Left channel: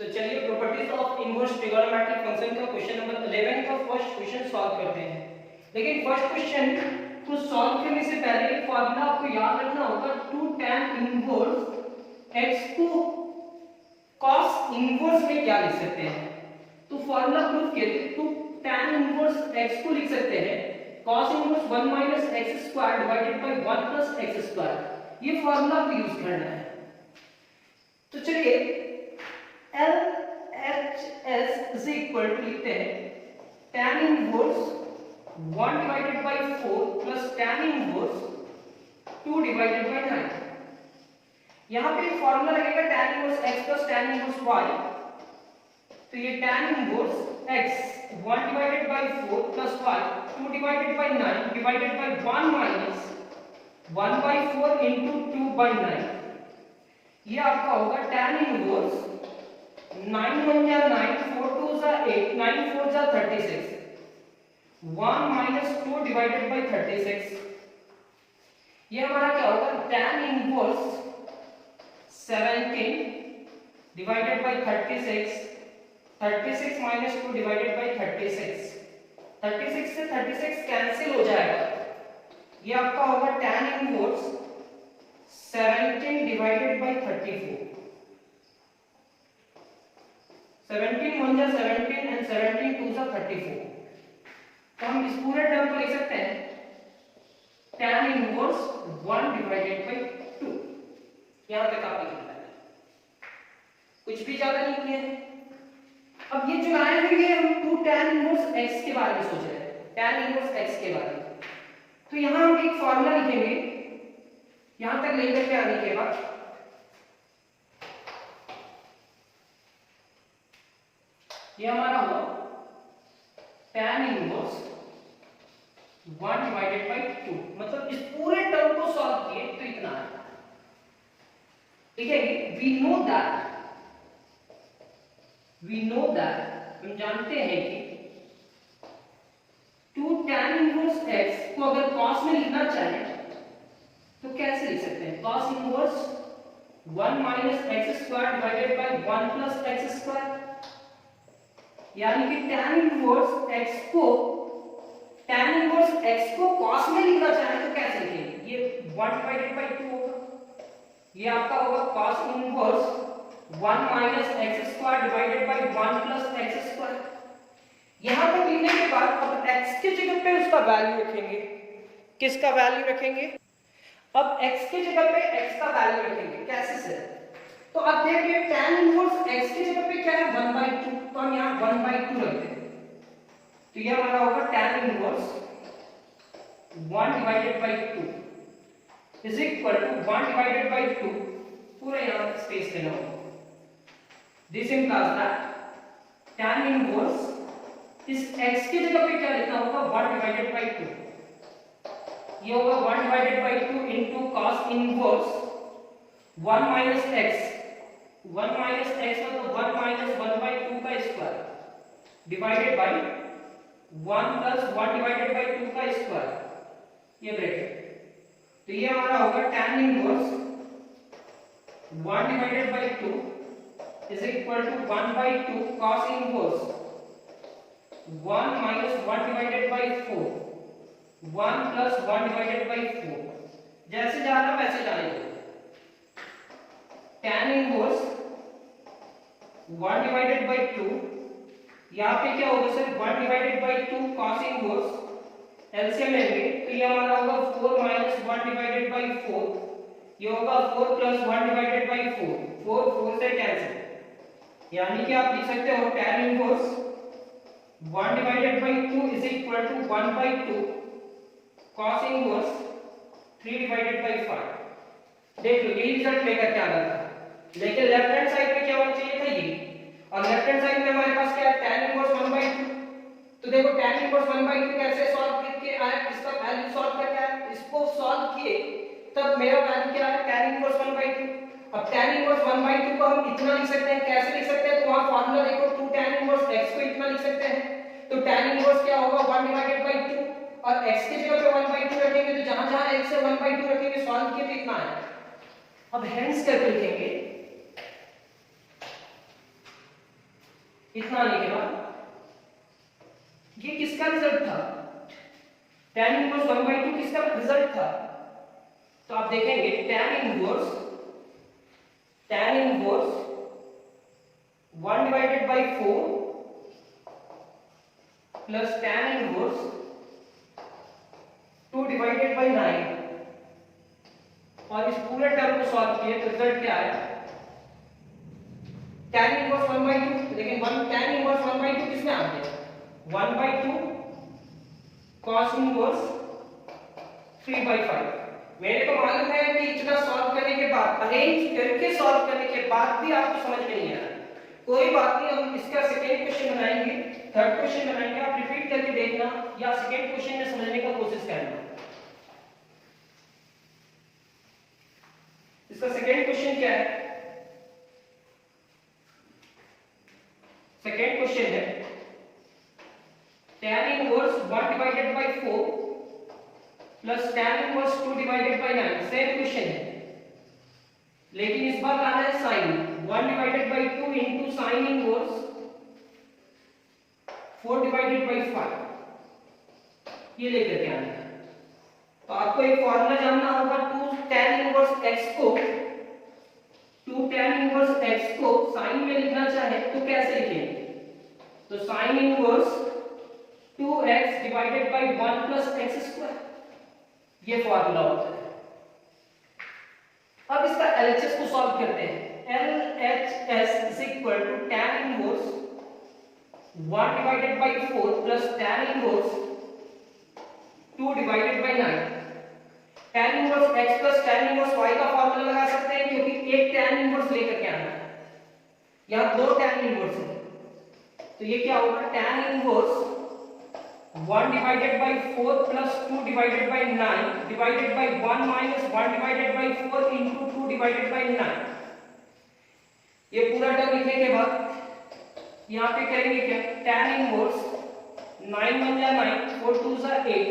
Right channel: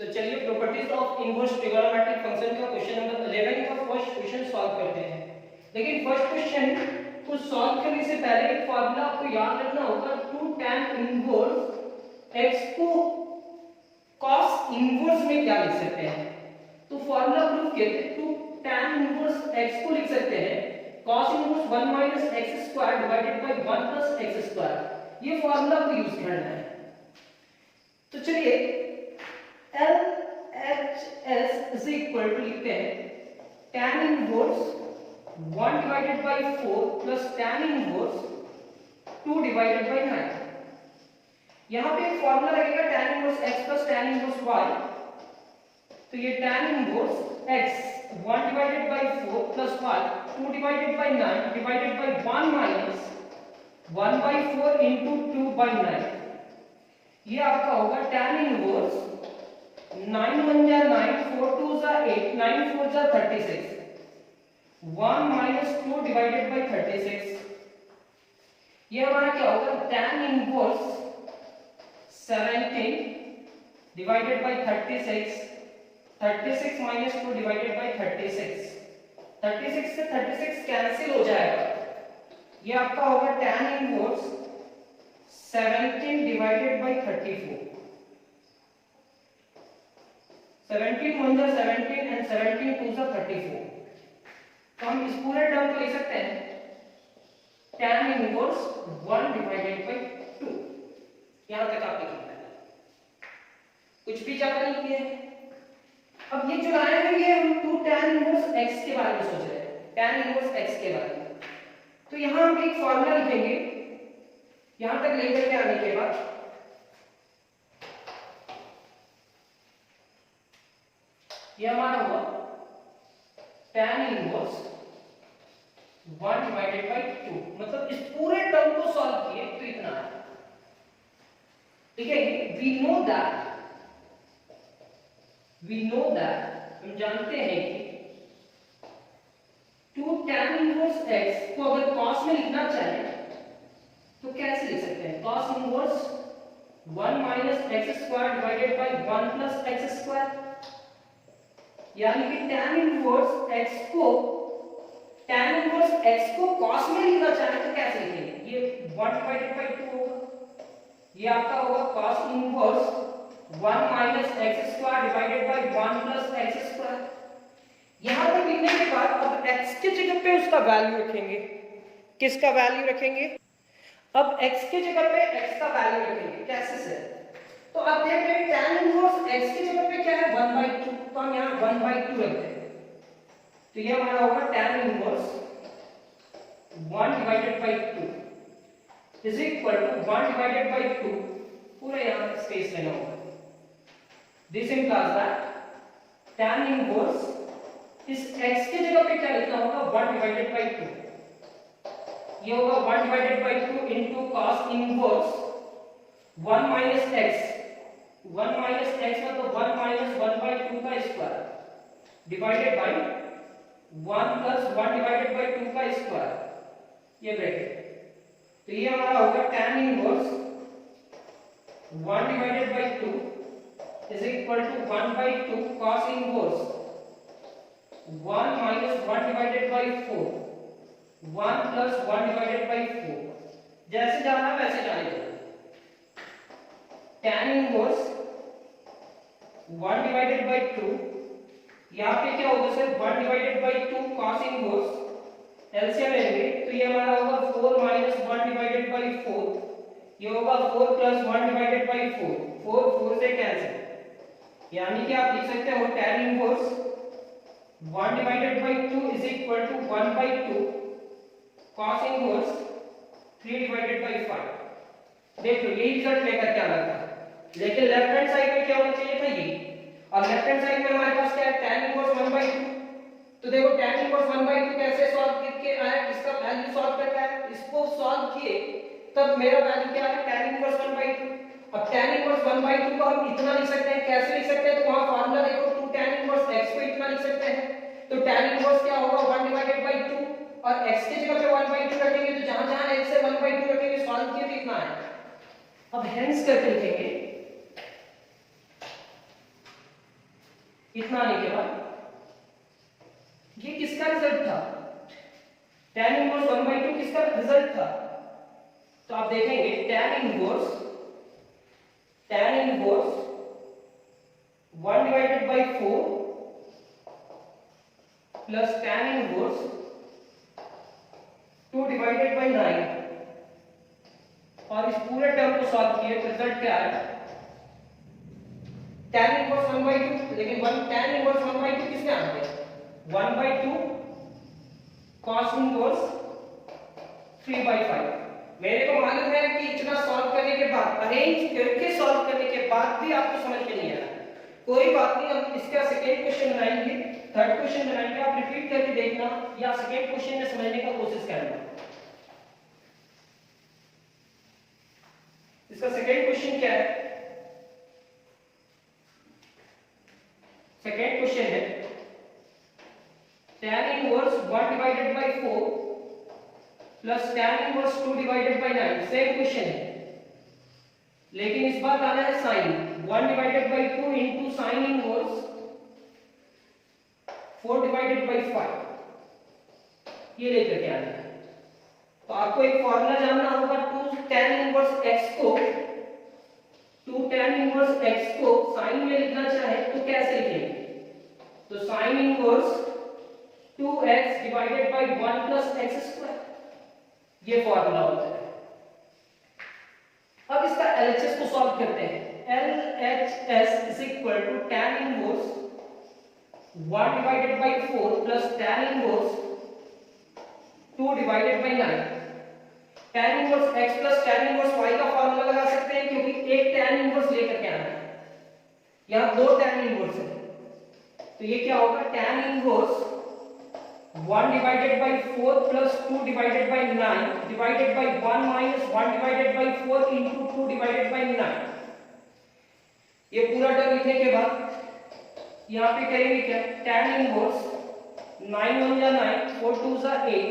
तो चलिए properties of inverse trigonometric function का क्वेश्चन नंबर 11 का फर्स्ट क्वेश्चन सॉल्व करते हैं। लेकिन फर्स्ट क्वेश्चन को सॉल्व करने से पहले एक फार्मूला आपको याद रखना होगा, 2 tan इनवर्स x को cos इनवर्स में क्या लिख सकते हैं। तो फार्मूला प्रूफ किए थे, 2 tan इनवर्स x को लिख सकते हैं cos inverse 1 minus x square divided by 1 plus x square. ये फार्मूला को यूज करना है। तो चलिए LHS is equal to लिखते हैं tan inverse 1 divided by 4 plus tan inverse 2 divided by 9। यहाँ पे फॉर्मूला लगेगा tan inverse x plus tan inverse y। तो ये tan inverse x 1 divided by 4 plus y 2 divided by 9 divided by 1 minus 1 by 4 into 2 by 9। ये आपका होगा tan inverse 9 1 जा 9, 4 2 जा 8, 9 4 जा 36, 1 minus 2 divided by 36। ये हमारा क्या होगा, tan inverse 17 divided by 36, 36 minus 2 divided by 36, 36 से 36 कैंसिल हो जाएगा। ये आपका होगा tan इनवर्स 17 divided by 34, 17 1 जा 17 and 17 2 जा 34। तो हम इस पूरे टर्म को लिख सकते हैं tan इनवर्स 1 divided by 2। यहां तक आप लिख सकते हैं, कुछ भी ज्यादा नहीं किया है। अब ये जो लाइन है ये हम 2 tan इनवर्स x के बारे में सोच रहे हैं, tan इनवर्स x के बारे में। तो यहां हम एक फॉर्मूला लिखेंगे, यहां तक लेकर के आने के बाद ये हमारा हुआ tan इनवर्स 1 divided by 2। मतलब इस पूरे टर्म को सॉल्व किए तो इतना है। ठीक है, we know that हम जानते हैं कि 2 tan इनवर्स x को अगर cos में लिखना चाहे तो कैसे लिख सकते हैं, cos inverse 1 minus x square divided by 1 plus x square. यानी कि tan इनवर्स x को cos में लिखना चाहे तो कैसे लिखेंगे, ये 1 divided by 2 होगा। ये आपका होगा cos inverse 1 minus x square divided by 1 plus x square. यहां तक लिखने के बाद अब x के जगह पे उसका वैल्यू रखेंगे। किसका वैल्यू रखेंगे, अब x के जगह पे x का वैल्यू रखेंगे। कैसे सर, तो अब देखिए tan इनवर्स x की जगह पे क्या है 1/2, तो हम यहां 1/2 रखते हैं। तो ये हमारा होगा tan inverse 1 divided by 2 is equal to 1 divided by 2, पूरा यहां स्पेस लेना होगा। This implies that tan inverse इस x की जगह पे क्या लिखना होगा 1 divided by 2। ये होगा 1 divided by 2 into cos inverse 1 minus x, 1 minus x मतलब 1 minus 1/2 का square divided by 1 plus 1 divided by 2 का स्क्वायर, ये ब्रैकेट। तो ये हमारा होगा tan inverse 1 divided by 2 is equal to 1/2 cos inverse 1 minus 1 divided by 4, 1 plus 1 divided by 4। जैसे जाना वैसे जाएगा। tan इनवर्स 1 divided by 2, यहाँ पे क्या होगा sir 1 divided by 2 cos inverse, LCM लेंगे तो ये हमारा होगा 4 minus 1 divided by 4, ये होगा 4 plus 1 divided by 4, 4 4 से कैंसिल। यानी कि आप लिख सकते हो tan inverse 1 divided by 2 is equal to 1/2 cos inverse 3 divided by 5। देख लो यही रिजल्ट लेकर के आना था, लेकिन लेफ्ट हैंड साइड में क्या होना चाहिए था ये, और लेफ्ट हैंड साइड में हमारे पास क्या है tan इनवर्स 1/2। तो देखो tan इनवर्स 1/2 कैसे सॉल्व करके आया, इसका वैल्यू सॉल्व करना है, इसको सॉल्व किए तब मेरा वैल्यू क्या है tan इनवर्स 1/2। अब tan इनवर्स 1/2 को हम इतना लिख सकते हैं, कैसे लिख सकते हैं, तो वहां फार्मूला देखो 2 tan इनवर्स x को इतना लिख सकते हैं। तो tan इनवर्स क्या होगा 1 divided by 2, और x की जगह पे 1/2 रखेंगे तो जहां जहां x से 1/2 रखेंगे सॉल्व किए तो इतना है। अब हेंस करके लिखेंगे इतना आने के बाद ये किसका रिजल्ट था? tan इनवर्स 1/2 किसका रिजल्ट था? तो आप देखेंगे tan inverse 1/4 plus tan inverse 2/9 और इस पूरे टर्म को सॉल्व किए तो रिजल्ट क्या आया? tan इनवर्स 1/2, लेकिन tan इनवर्स 1/2 किसमें आ गया? 1/2 cos इनवर्स 3/5। मेरे को मालूम है कि इतना सॉल्व करने के बाद, अरेंज करके सॉल्व करने के बाद भी आपको समझ में नहीं आया, कोई बात नहीं, हम इसका सेकेंड क्वेश्चन बनाएंगे, थर्ड क्वेश्चन बनाएंगे, आप रिपीट करके देखना या सेकेंड क्वेश्चन में समझने का कोशिश करना। इसका सेकेंड क्वेश्चन क्या है? सेकेंड क्वेश्चन है tan inverse 1/4 plus tan inverse 2/9। Same question है, लेकिन इस बार लाना है साइन 1/2 इंटू साइन इनवर्स 4/5 ये लेकर के आना है। तो आपको एक फॉर्मूला जानना होगा 2 tan इनवर्स x को साइन में लिखना चाहे तो कैसे लिखेंगे? तो sign inverse 2x divided by 1 plus x square, ये फॉर्मूला होता है। अब इसका LHS को सॉल्व करते हैं। LHS is equal to tan inverse 1/4 plus tan inverse 2/9। tan inverse x plus tan inverse y का फॉर्मूला लगा सकते हैं, क्योंकि एक tan इनवर्स लेकर के आना है, यहां दो tan इनवर्स है, तो ये क्या होगा? tan inverse 1/4 plus 2/9 divided by 1 minus 1/4 into 2/9। ये पूरा टर्म लिखने के बाद यहाँ पे करेंगे क्या? tan इनवर्स 9 1 जा 9, 4 2 जा 8,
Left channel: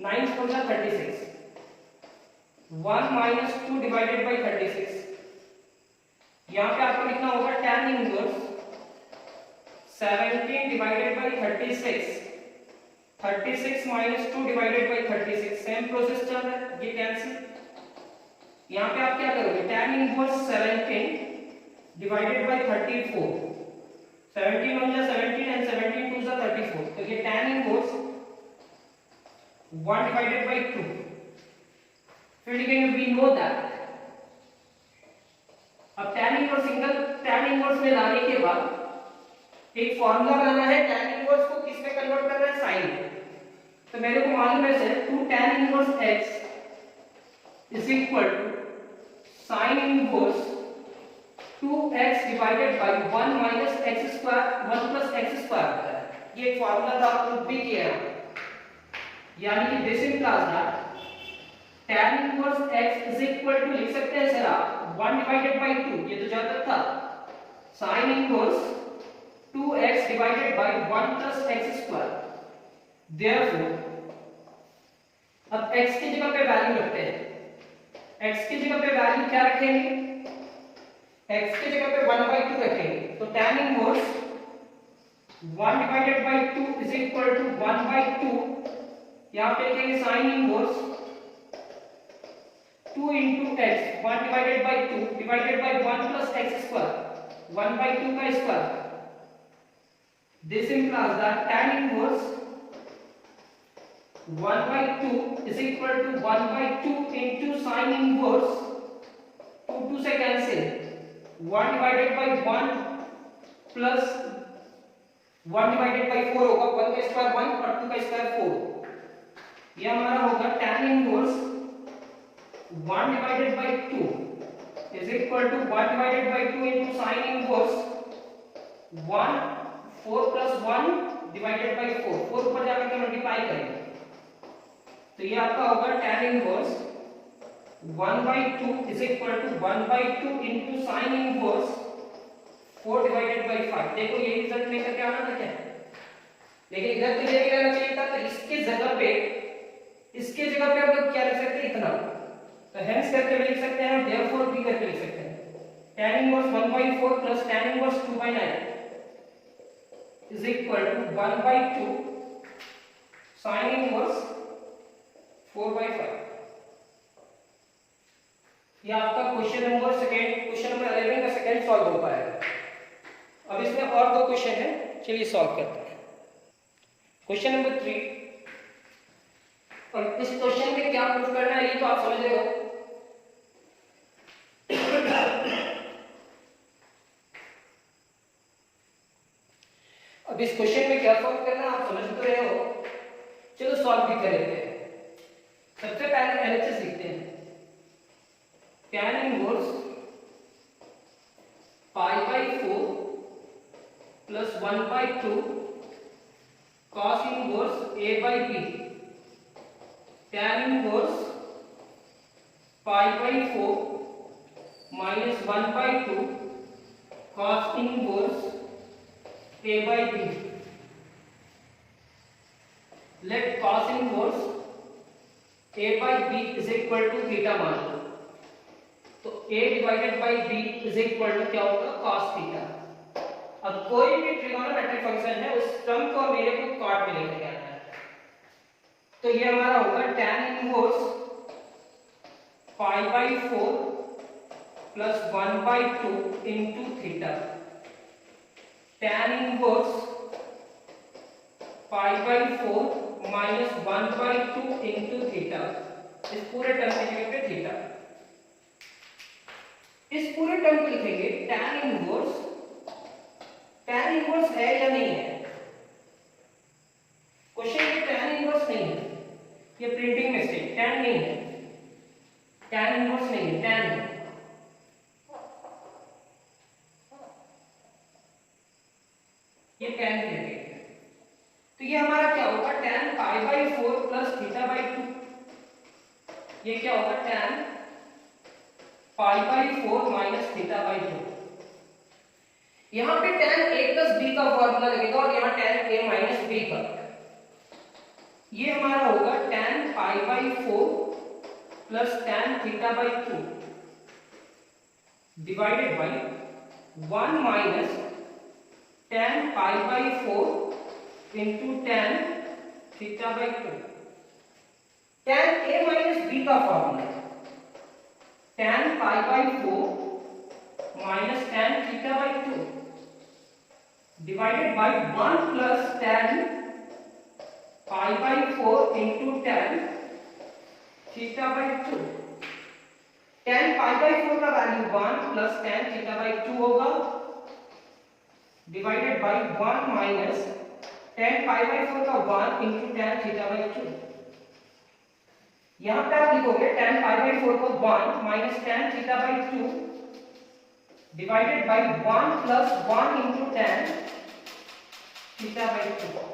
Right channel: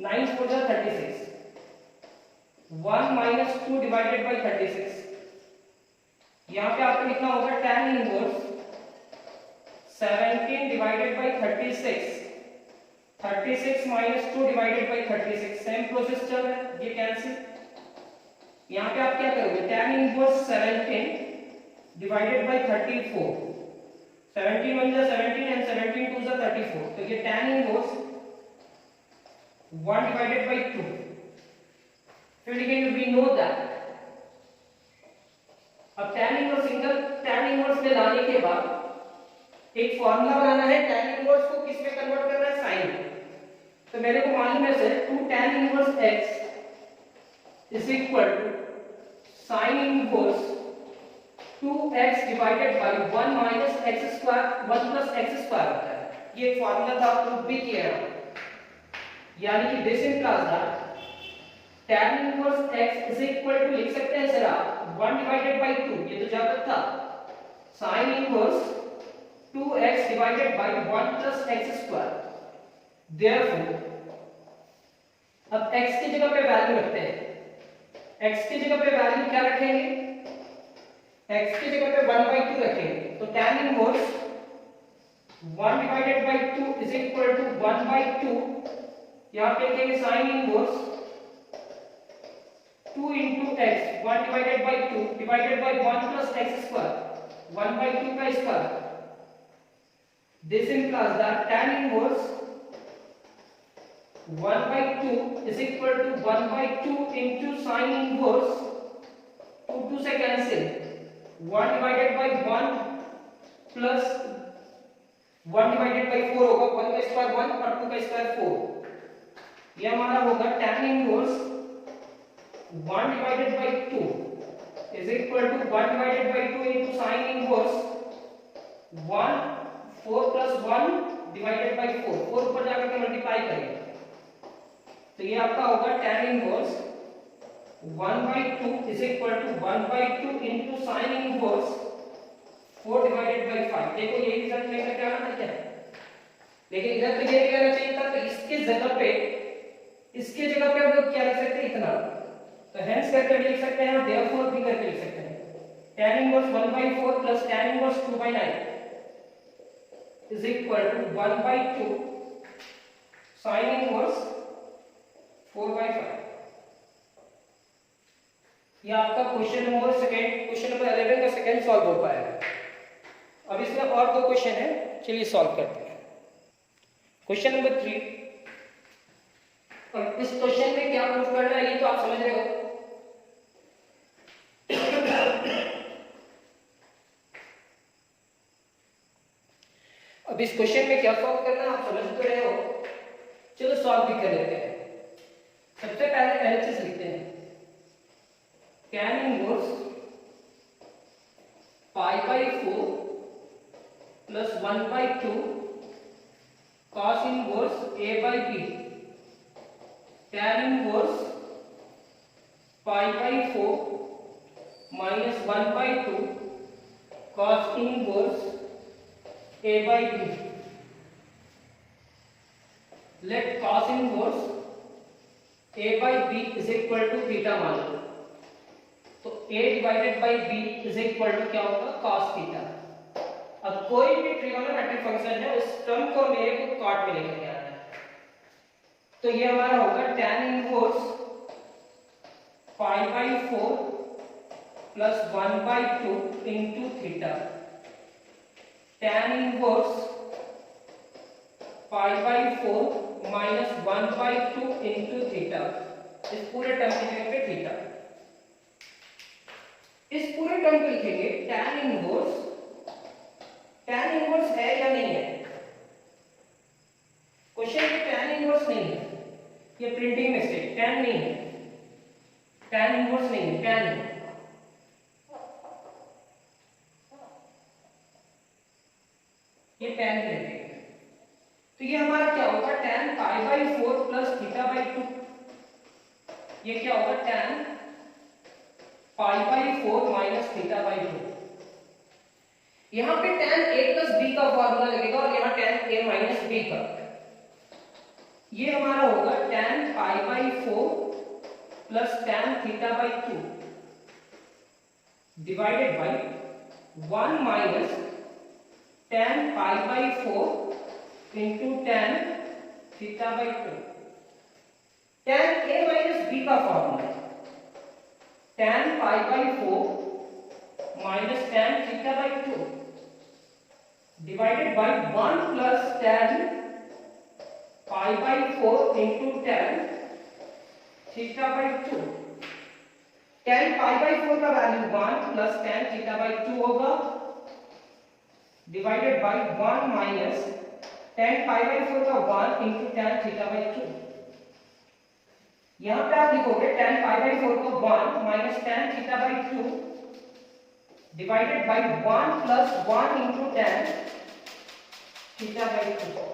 9 4 जा 36, 1 माइनस 2/36। यहाँ पे आपको लिखना होगा tan inverse 17/36, 36 minus 2/36। Same process चल रहा है, ये कैंसिल। यहाँ पे आप क्या करोगे? tan इनवर्स 17/34, 17 1 जा 17 एंड 17 2 जा 34, तो ये tan इनवर्स 1/2। फिर लिखेंगे वी नो दैट। अब tan इनवर्स में लाने के बाद एक फॉर्मूला बनाना है, tan इनवर्स को किस में कन्वर्ट करना है? साइन में। तो मेरे को मालूम है sir 2 tan inverse x is equal to sine inverse 2x divided by 1 minus x square 1 plus x square होता है। ये एक फॉर्मूला था, आप प्रूफ भी किया है, यानी कि this implies that tan inverse x is equal to, लिख सकते हैं सर आप 1/2, ये तो ज्यादा था, sign inverse 2x divided by 1 plus x square. Therefore अब x की जगह पे वैल्यू रखते हैं। x की जगह पे वैल्यू क्या रखेंगे? x की जगह पे 1/2 रखेंगे, तो tan inverse 1/2 is equal to 1/2, यहाँ पे लिखेंगे sine inverse 2 into x 1/2 divided by 1 plus x square 1/2 का square. This implies that tan inverse 1/2 is equal to 1/2 into sin inverse 2 से कैंसिल 1/1 प्लस 1/4 होगा, 1 का स्क्वायर 1 और 2 का स्क्वायर 4। ये हमारा होगा tan inverse 1/2 is equal to 1/2 into sin inverse 1 4 plus 1 divided by 4, 4 ऊपर जाकर के मल्टीप्लाई करेंगे, तो ये आपका होगा tan inverse 1/2 is equal to 1/2 into sin inverse 4 divided by 5। देखो ये रिजल्ट लेकर के आना था क्या, लेकिन इधर तो ये निकालना चाहिए था, तो इसके जगह पे हम लोग क्या लिख सकते हैं? इतना, तो हेंस करके भी लिख सकते हैं और देयरफॉर भी करके लिख सकते हैं। tan inverse 1/4 plus tan inverse 2/9 is equal to 1/2 sine inverse 4/5। ये आपका क्वेश्चन नंबर 11 का सेकंड सॉल्व हो पाएगा। अब इसमें और दो क्वेश्चन है, चलिए सॉल्व करते हैं। क्वेश्चन नंबर 3, और इस क्वेश्चन में क्या प्रूफ करना है ये तो आप समझ रहे हो। अब इस क्वेश्चन में क्या सॉल्व करना है आप समझ तो रहे हो, चलो सॉल्व भी कर लेते हैं। सबसे पहले एलएचएस लिखते हैं। tan inverse π/4 plus 1/2 cos inverse a/b। tan inverse π/4 minus 1/2 cos inverse a/b। Let cos inverse a/b is equal to theta मान लो, तो a divided by b is equal to क्या होगा cos थीटा। अब कोई भी ट्रिगोनोमेट्रिक फंक्शन है उस टर्म को मेरे को कॉट में लेके जाना है, तो ये हमारा होगा tan inverse π/4 plus 1/2 into theta. tan inverse π/4 minus 1/2 into theta. इस पूरे टर्म की जगह पे थीटा, इस पूरे टर्म को लिखेंगे tan इनवर्स। tan इनवर्स है या नहीं है, क्वेश्चन में tan इनवर्स नहीं है, ये प्रिंटिंग मिस्टेक, tan नहीं है, tan इनवर्स नहीं है, tan है। ये tan के लिए, तो ये हमारा क्या होगा tan π/4 प्लस थीटा/2। ये क्या होगा tan π/4 माइनस थीटा/2। यहां पे tan a प्लस b का फॉर्मूला लगेगा और यहां tan a माइनस b का। ये हमारा होगा tan π/4 plus tan theta divided by 1 minus tan π/4 into tan theta. tan a minus b का formula tan π/4 minus tan theta divided by 1 plus tan π/4 into tan theta. tan π/4 का value 1 plus tan थीटा/2 होगा divided by 1 minus tan π/4 का 1 into tan थीटा/2। यहां पे आप लिखोगे tan π/4 को 1 minus tan theta divided by 1 plus 1 into tan थीटा/2।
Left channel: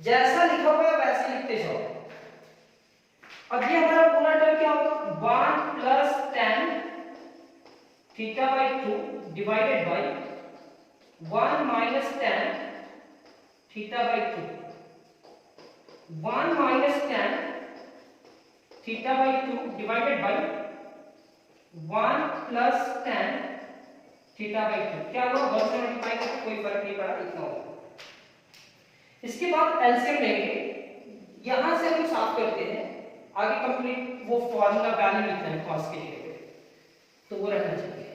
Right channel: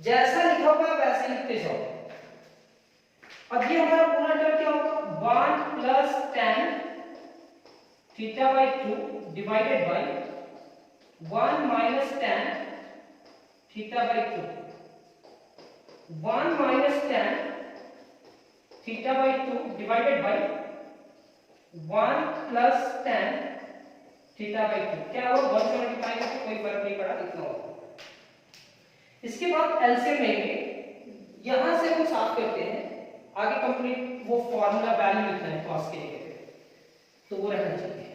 जैसा लिखा हुआ है वैसे लिखते जाओ। अब ये हमारा पूरा टर्म क्या होगा 1 plus tan theta divided by 1 minus tan थीटा/2। 1 minus tan theta divided by 1 plus tan थीटा/2। क्या हुआ 1 से मल्टीप्लाई करके कोई फर्क नहीं पड़ा, इतना होगा। इसके बाद एलसीएम लेंगे, यहां से हम साफ करते हैं, आगे कंप्लीट वो फॉर्मूला वैल्यू लिखना है cos के जगह पे, तो वो रहना चाहिए।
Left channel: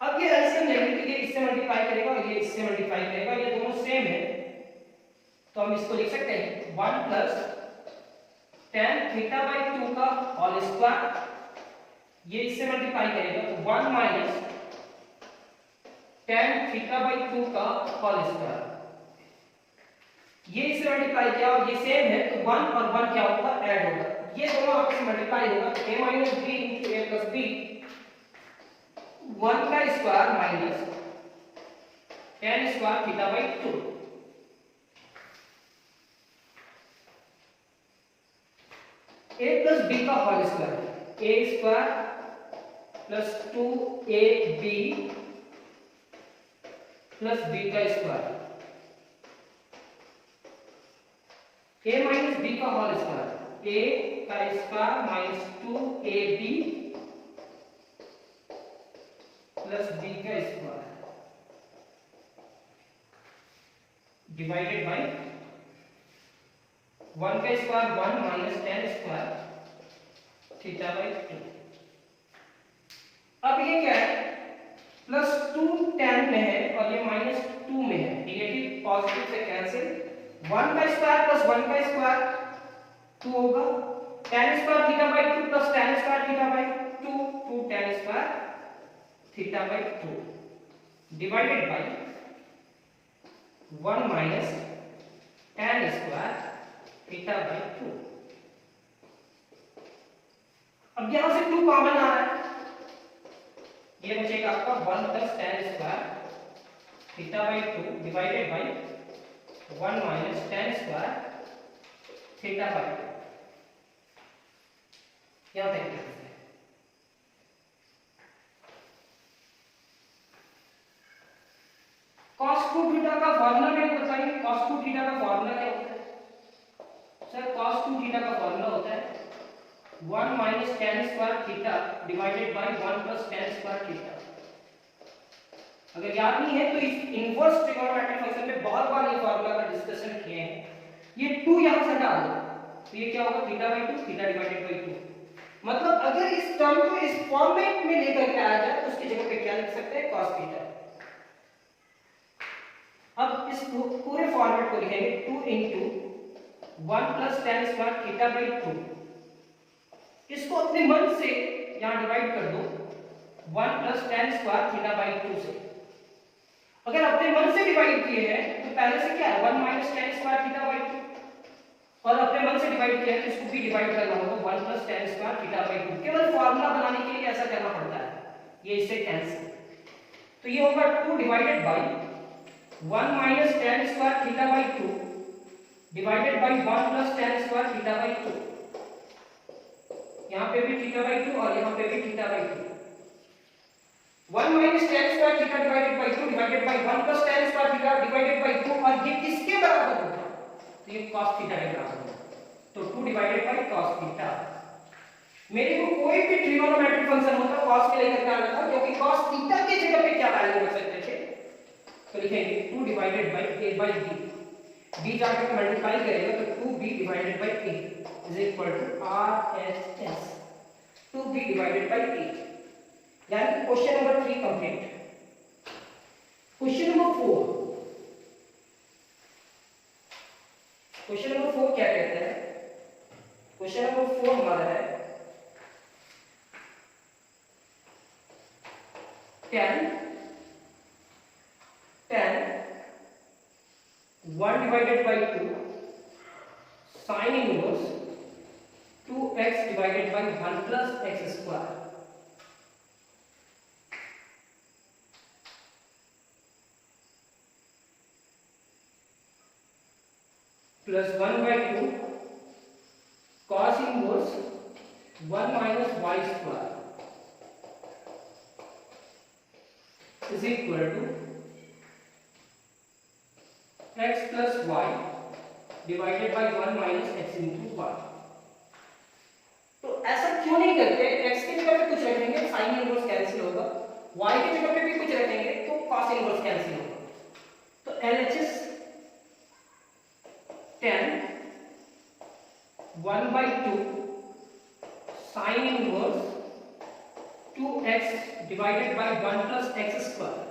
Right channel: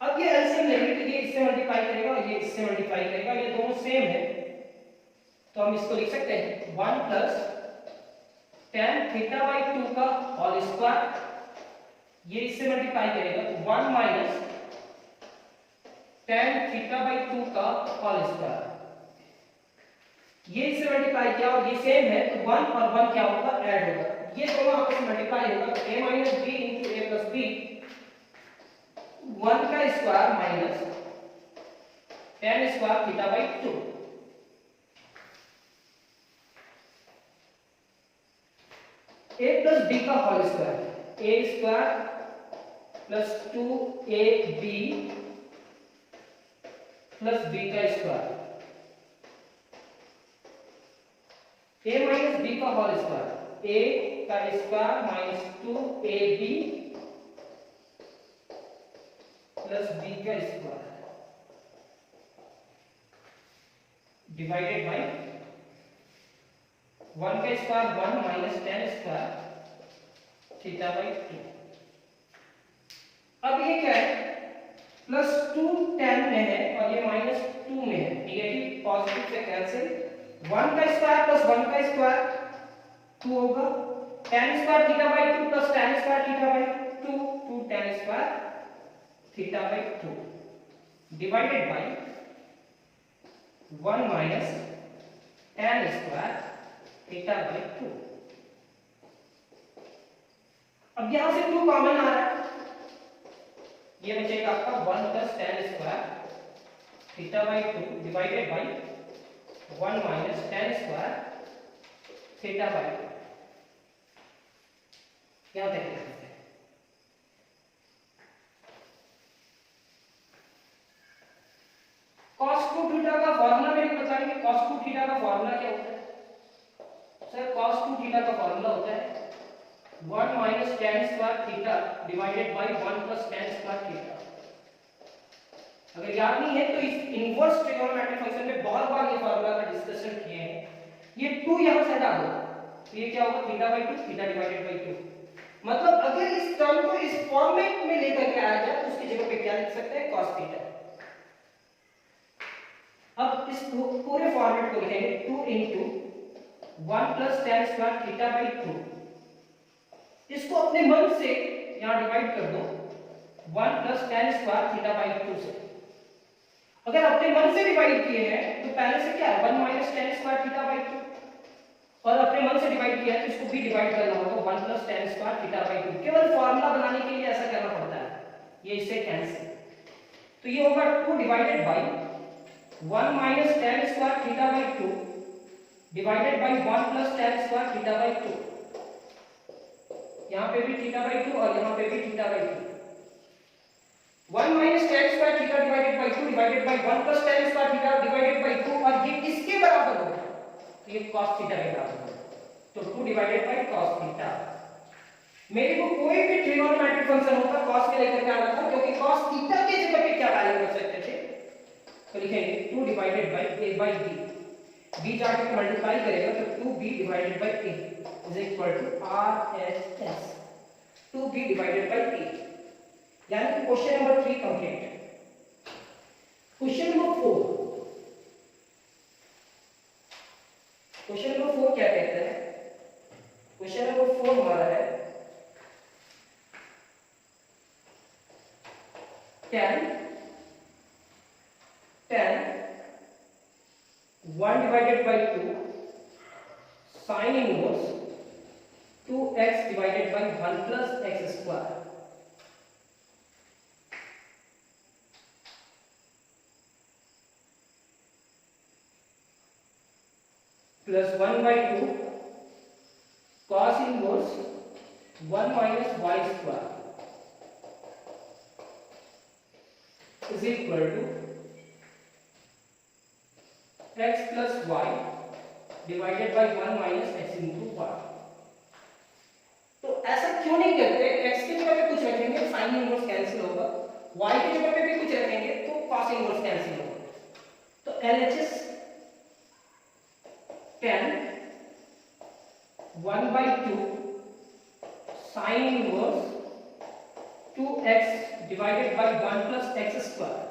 अब ये एलसीएम लेंगे तो ये इससे मल्टीप्लाई करेगा और ये इससे मल्टीप्लाई करेगा, ये दोनों सेम है, तो हम इसको लिख सकते हैं 1 प्लस tan थीटा/2 का होल स्क्वायर, ये इससे मल्टीप्लाई करेगा तो 1 माइनस tan थीटा/2 का होल स्क्वायर। ये इससे मल्टीप्लाई किया और ये सेम है तो 1 और 1 क्या होगा ऐड होगा, ये दोनों आपस में मल्टीप्लाई होगा तो a minus b into a plus b 1 का स्क्वायर माइनस tan स्क्वायर थीटा/2। a प्लस b का whole square, a square plus 2ab plus b का स्क्वायर, a माइनस b का होल स्क्वायर, a का square minus 2ab plus B का square divided by 1 का square 1 minus tan square theta by 2। अब ये क्या है, प्लस 2 tan में है और ये माइनस 2 में है, नेगेटिव पॉजिटिव से कैंसिल, 1 का स्क्वायर प्लस 1 का स्क्वायर 2 होगा, tan square theta by 2 plus tan square theta by 2, 2 tan square theta by 2 divided by 1 minus tan square theta by 2। अब यहां से 2 कॉमन आ रहा है, ये बचेगा आपका 1 plus tan square theta by 2 divided by 1 minus tan square theta by 2। यहां तक लिख सकते हैं। cos 2 थीटा का फॉर्मूला मेरे को बताइए, cos 2 थीटा का फॉर्मूला क्या होता है? सर cos 2 थीटा का फॉर्मूला होता है 1 minus tan square theta divided by 1 plus tan square theta. अगर याद नहीं है तो इस इनवर्स ट्रिगोनोमेट्रिक फंक्शन में बहुत बार ये फार्मूला का डिस्कशन किए हैं। ये 2 यहां से हटा दो तो ये क्या होगा, theta by 2 theta divided by 2। मतलब अगर इस टर्म को इस फॉर्मेट में लेकर के आया जाए तो उसकी जगह पे क्या लिख सकते हैं, cos थीटा। अब इस पूरे फॉर्मेट को लिखेंगे 2 into 1 plus tan square theta by 2। इसको अपने मन से यहां डिवाइड कर दो 1 plus tan square theta by 2 से। अगर अपने मन से डिवाइड किए हैं तो पहले से क्या है 1 minus tan square theta by 2, और अपने मन से डिवाइड किया है तो इसको भी डिवाइड करना होगा 1 plus tan square theta by 2। केवल फार्मूला बनाने के लिए ऐसा करना पड़ता है, ये इससे कैंसिल, तो ये होगा 2 divided by 1 minus tan square theta by 2 divided by 1 plus tan square theta by 2। यहां पे भी थीटा बाई 2 और यहां पे भी theta by 2। 1 minus tan square theta divided by 2 divided by 1 plus tan square theta divided by 2, और ये किसके बराबर होगा, तो ये cos थीटा के बराबर होगा, तो 2 डिवाइडेड बाई cos थीटा। मेरे को कोई भी ट्रिगोनोमेट्रिक फंक्शन होता cos के लेकर के आना था, क्योंकि cos थीटा की जगह पे क्या वैल्यू रख सकते थे, तो लिखेंगे 2 divided by a by b, b जाके मल्टीप्लाई करेगा तो 2b divided by a is equal to RHS 2b divided by a। यानी कि question number 3 complete. Question number 4, question number 4 क्या कहता है, क्वेश्चन नंबर 4 हमारा है tan 1 divided by 2 sin inverse 2x divided by 1 plus x square plus 1 by 2 cos inverse 1 minus y square is equal to x plus y divided by 1 minus x into y। तो ऐसा क्यों नहीं करते, x की जगह पे कुछ रखेंगे sin इनवर्स कैंसिल होगा, y की जगह पे भी कुछ रखेंगे तो cos इनवर्स कैंसिल होगा। तो LHS tan 1 by 2 sin inverse 2x divided by 1 plus x square.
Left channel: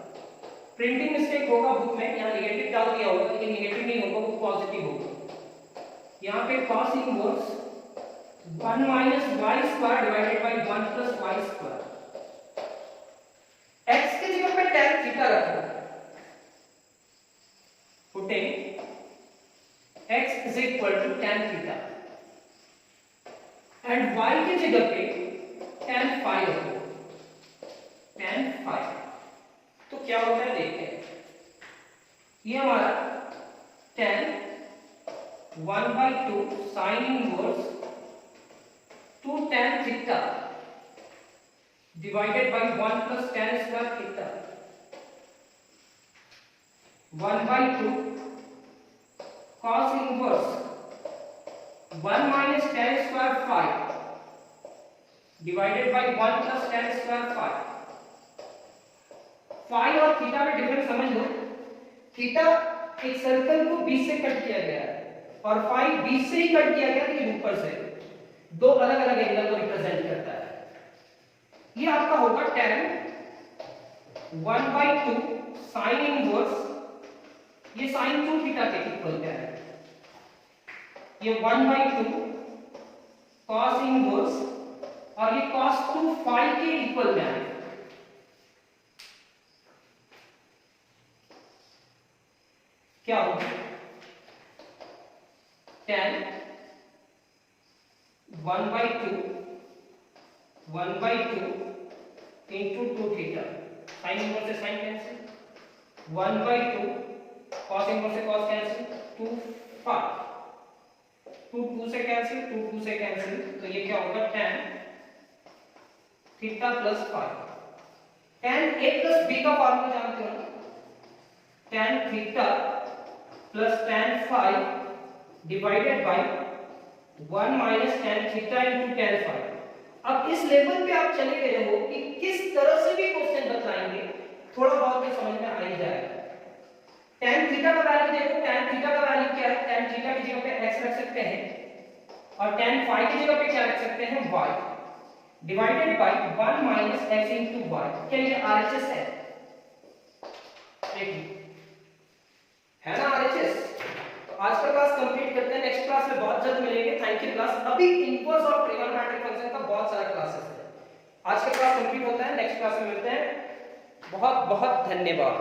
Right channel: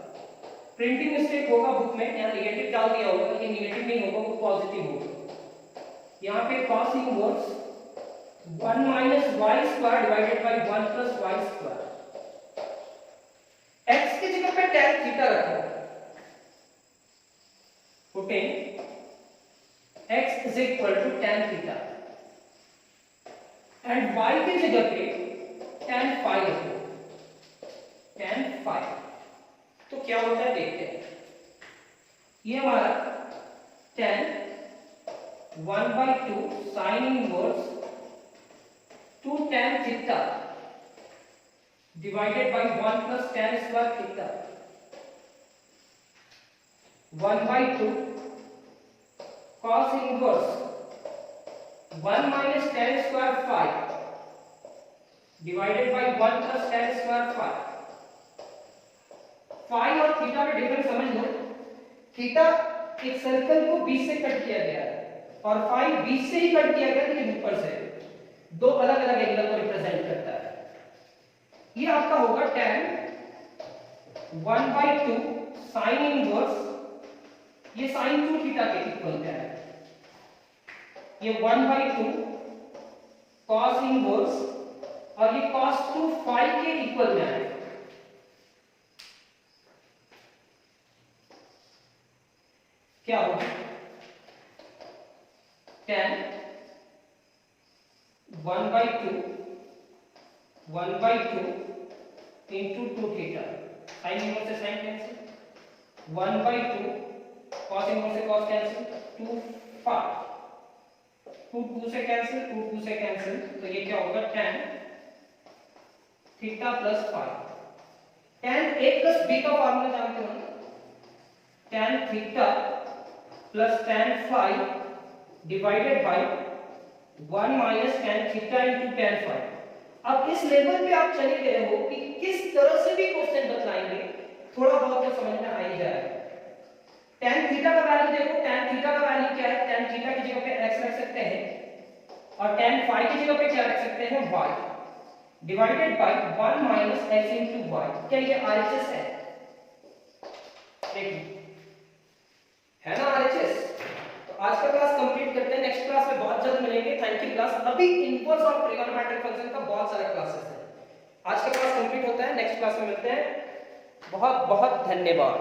Printing mistake होगा बुक में, यहाँ नेगेटिव डाल दिया होगा, ये नेगेटिव नहीं होगा, वो पॉजिटिव होगा। यहाँ पे cos inverse 1 minus y square divided by 1 plus y square. x की जगह पे tan थीटा रखा है, putting x is equal to tan theta and y की जगह पे tan phi रखो, tan phi। तो क्या होता है देखते हैं, ये हमारा tan 1 by 2 sin inverse 2 tan theta divided by 1 plus tan square theta 1 by 2 cos inverse 1 minus tan square phi divided by 1 plus tan square phi phi और थीटा में डिफरेंस समझ लो। थीटा एक सर्कल को बीच से कट किया गया है और फाई बीच से ही कट किया गया लेकिन ऊपर से, दो अलग अलग एंगल को रिप्रेजेंट करता है। ये आपका होगा tan 1/2 साइन इनवर्स, ये साइन 2 थीटा के इक्वल क्या है, ये 1/2 cos इनवर्स और ये cos 2 फाई के इक्वल में आएगा। क्या होगा tan 1/2 into 2 theta, sine inverse से साइन कैंसिल, 1/2 cos इनवर्स से cos कैंसिल, 2 फाई, 2 से कैंसिल, 2 से कैंसिल, तो ये क्या होगा tan theta plus phi. tan a plus b का फॉर्मूला जानते हो ना, tan theta plus tan phi divided by 1 minus tan theta into tan phi. अब इस लेवल पे आप चले गए हो कि किस तरह से भी क्वेश्चन बतलाएंगे थोड़ा बहुत तो समझ में आ ही जाएगा। tan थीटा का वैल्यू देखो, tan थीटा का वैल्यू क्या है, tan थीटा की जगह पे x रख सकते हैं और tan फाई की जगह पे क्या रख सकते हैं, y divided by 1 minus x into y। क्या ये RHS है? देखिए है ना RHS। तो आज का क्लास कंप्लीट करते हैं, नेक्स्ट क्लास में बहुत जल्द मिलेंगे। Thank you class. अभी इनवर्स और ट्रिगोनोमेट्रिक फंक्शन का बहुत सारा क्लासेस है। आज का क्लास कंप्लीट होता है, नेक्स्ट क्लास में मिलते हैं। बहुत बहुत धन्यवाद।